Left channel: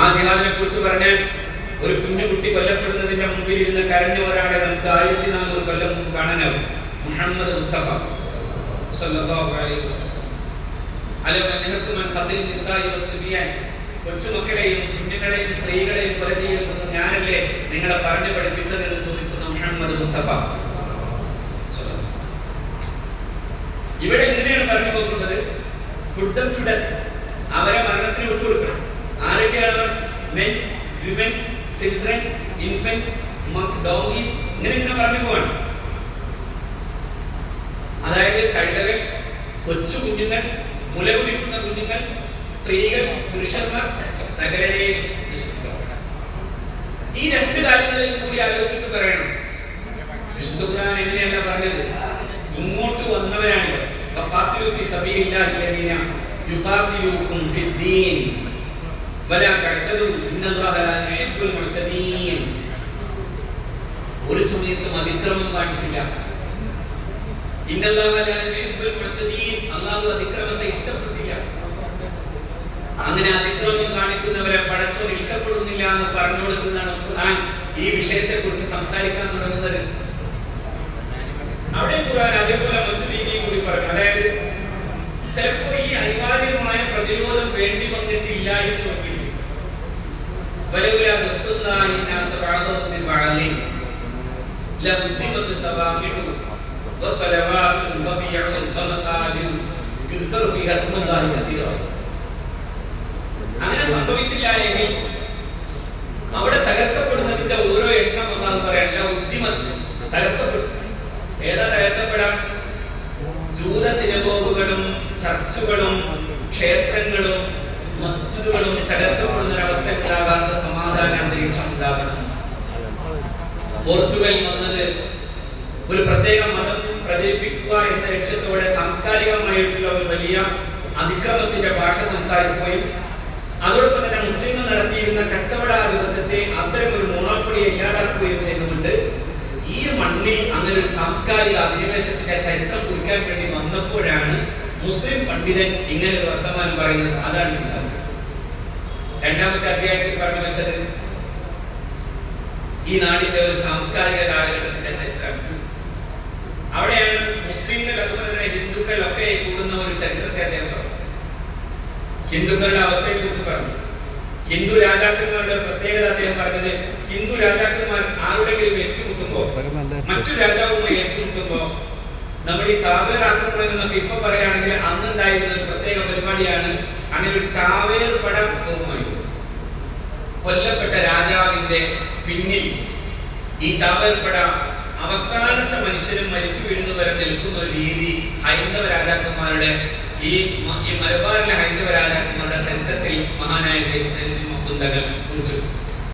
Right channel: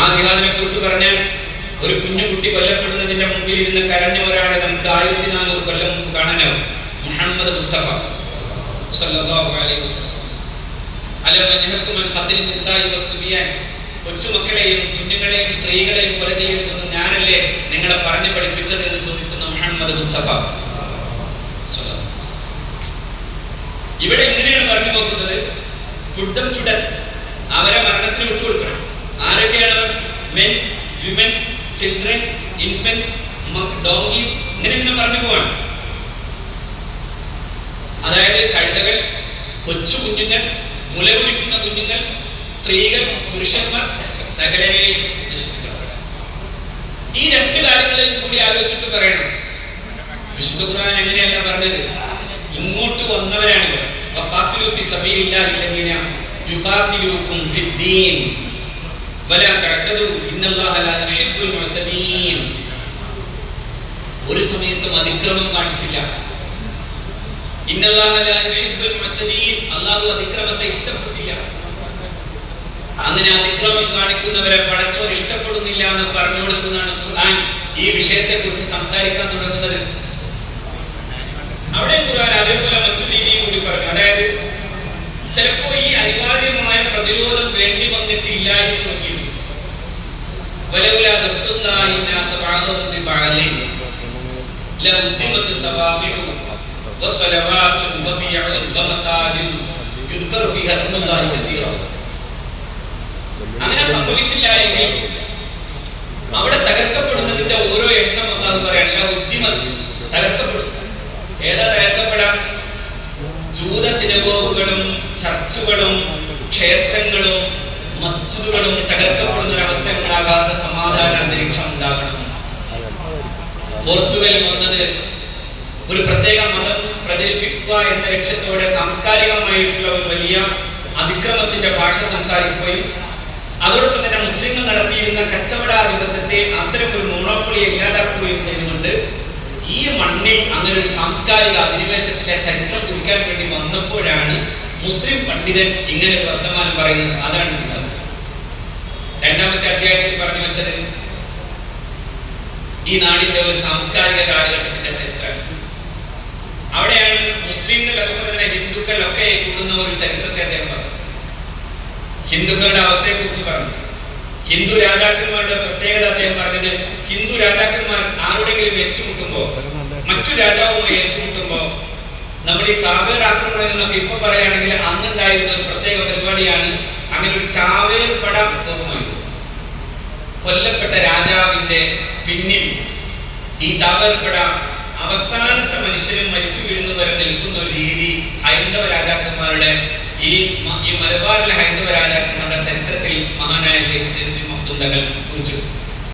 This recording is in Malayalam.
ആ ജിഹാദിനെ കുറിച്ച് പറഞ്ഞാൽ ഒരു കുഞ്ഞുകുട്ടി കൊല്ലപ്പെടുന്നതിന്റെ മുമ്പിൽ ഇരുന്ന് കരഞ്ഞ ഒരാളെ നമുക്ക് 1400 കൊല്ലം മുമ്പ് കാണാനാവും. മുഹമ്മദ് മുസ്തഫ സല്ലല്ലാഹു അലൈഹി വസല്ലം. അല വനഹക്കു മൻ ഖത്ൽ നിസാഇ വസ്ബിയാൻ, കൊച്ചുമക്കളെയും കുഞ്ഞുങ്ങളെയും സ്ത്രീകളെയും കൊല ചെയ്യരുതെന്ന് ഞാനല്ലേ നിങ്ങളെ പറഞ്ഞു പഠിപ്പിച്ചത് എന്ന് ചോദിക്കുന്ന മുഹമ്മദ് മുസ്തഫ. ഇവിടെ എങ്ങനെയാണ് പറഞ്ഞു പോകുന്നത്? കുട്ടം ചുടൻ അവരെ മരണത്തിന് വിട്ടുകൊടുക്കണം. ആരൊക്കെയാണ്? മെൻ, വിമൻ, ചിൽഡ്രൻ, ഇൻഫന്റ്സ്, ഡോങ്കീസ്, ഇങ്ങനെ പറഞ്ഞു പോവാണ്. അതായത് കഴുതകൾ, കൊച്ചു കുഞ്ഞുങ്ങൾ, മുലകുടിക്കുന്ന കുഞ്ഞുങ്ങൾ, സ്ത്രീകൾ, പുരുഷന്മാർ, സകലരെയും നശിപ്പിക്കപ്പെടാം. ഈ രണ്ട് കാര്യങ്ങളിൽ കൂടി ആലോചിച്ചിട്ട് പറയണം. വിശുദ്ധ ഖുർആൻ എങ്ങനെയല്ല പറഞ്ഞത്? ഇങ്ങോട്ട് വന്നവരാണ് ഇവർ. വഖാതിലു ഫീ സബീലില്ലാഹി അല്ലദീന യുഖാതിലൂകും ഫിദ്ദീൻ വലാ തഅതദു ഇന്നല്ലാഹ ലാ യുഹിബ്ബുൽ മുഅ്തദീൻ. ഒരു സമയത്തും അതിക്രമം കാണിച്ചില്ല. ഇന്നല്ലാഹ ലാ യുഹിബ്ബുൽ മുഅ്തദീൻ, അല്ലാഹു അതിക്രമത്തെ ഇഷ്ടപ്പെട്ടില്ല. അങ്ങനെ അതിക്രമം കാണിക്കുന്നവരെ പടച്ചവൻ ഇഷ്ടപ്പെടുന്നില്ല എന്ന് പറഞ്ഞു കൊടുത്തതാണ് ഖുർആൻ ഈ വിഷയത്തെ കുറിച്ച് സംസാരിക്കാൻ തുടങ്ങുന്നത്. അവിടെ ഖുർആൻ അതേപോലെ മറ്റു രീതിയും കൂടി പറഞ്ഞു. അതായത് ചിലപ്പോ ഈ അനിവാര്യമായ പ്രതിരോധം വേണ്ടി വന്നിട്ടില്ലായിരുന്നുവെങ്കിൽ അങ്ങനെ സംഭവിച്ചില്ല എങ്കിൽ അവിടെ തകർക്കപ്പെടുന്നതിന്റെ ഓരോ എണ്ണം എന്നാണ് പറയാൻ തകർക്കപ്പെടും. ഏതാ തകർക്കപ്പെടാം? ജൂത സിനഗോഗുകളും ചർച്ചുകളും ക്ഷേത്രങ്ങളും മസ്ജിദുകളും തകർക്കപ്പെടുന്ന ഒരവസ്ഥ ഉണ്ടാകാത്ത സമാധാന അന്തരീക്ഷം ഉണ്ടാകണം. പോർത്തുഗൽ വന്നത് ഒരു പ്രത്യേക മതം പ്രചരിപ്പിക്കുക എന്ന ലക്ഷ്യത്തോടെ സാംസ്കാരികമായിട്ടുള്ള ഒരു വലിയ അതിക്രമത്തിന്റെ ഭാഷ സംസാരിക്കുകയും അതോടൊപ്പം തന്നെ മുസ്ലിങ്ങൾ നടത്തിയിരുന്ന കച്ചവടാധിപത്യത്തെ അത്തരം ഒരു മോണോപ്പൊളിയെ ഇല്ലാതാക്കുകയും ചെയ്തുകൊണ്ട് ഈ മണ്ണിൽ അങ്ങനെ ഒരു സാംസ്കാരിക അധിനിവേശത്തിന്റെ ചരിത്രം കുറിക്കാൻ വേണ്ടി വന്നപ്പോഴാണ് മുസ്ലിം പണ്ഡിതൻ ഇങ്ങനെ ഒരു വർത്തമാനം പറയുന്നത്. അതാണ് കിതാബ്. രണ്ടാമത്തെ അധ്യായത്തിൽ പറഞ്ഞു വെച്ചത് ഈ നാടിന്റെ ഒരു സാംസ്കാരിക കാലഘട്ടത്തിന്റെ ചരിത്രമാണ്. അവിടെയാണ് മുസ്ലിങ്ങൾ അതുപോലെ തന്നെ ഹിന്ദുക്കൾ ഒക്കെ കൂടുന്ന ഒരു ചരിത്രത്തെ അദ്ദേഹം പറഞ്ഞു. ഹിന്ദുക്കളുടെ അവസ്ഥയെ കുറിച്ച് പറഞ്ഞു. ഹിന്ദു രാജാക്കന്മാരുടെ പ്രത്യേകത അദ്ദേഹം പറഞ്ഞത്, ഹിന്ദു രാജാക്കന്മാർ ആരുടെങ്കിലും ഏറ്റുമുട്ടുമ്പോ, മറ്റു രാജാവുമായി ഏറ്റുമുട്ടുമ്പോ, നമ്മൾ ഈ ചാവേർ ആക്രമണം എന്നൊക്കെ ഇപ്പൊ പറയുകയാണെങ്കിൽ അന്നുണ്ടായിരുന്ന ഒരു പ്രത്യേക പരിപാടിയാണ്. അങ്ങനെ ഒരു ചാവേർ പട പോകുമായിരുന്നു. കൊല്ലപ്പെട്ട രാജാവിന്റെ പിന്നിൽ ഈ ചാവേർ പട അവസാനത്തെ മനുഷ്യരും മരിച്ചു വീഴുന്നു വരെ നിൽക്കുന്ന ഒരു രീതി ഹൈന്ദവ രാജാക്കന്മാരുടെ ഈ മലബാറിലെ ഹൈന്ദവ രാജാക്കന്മാരുടെ ചരിത്രത്തിൽ മഹാനായ ശൈഖ് സൈനുദ്ദീൻ മഖ്ദൂം തങ്ങൾ കുറിച്ചു.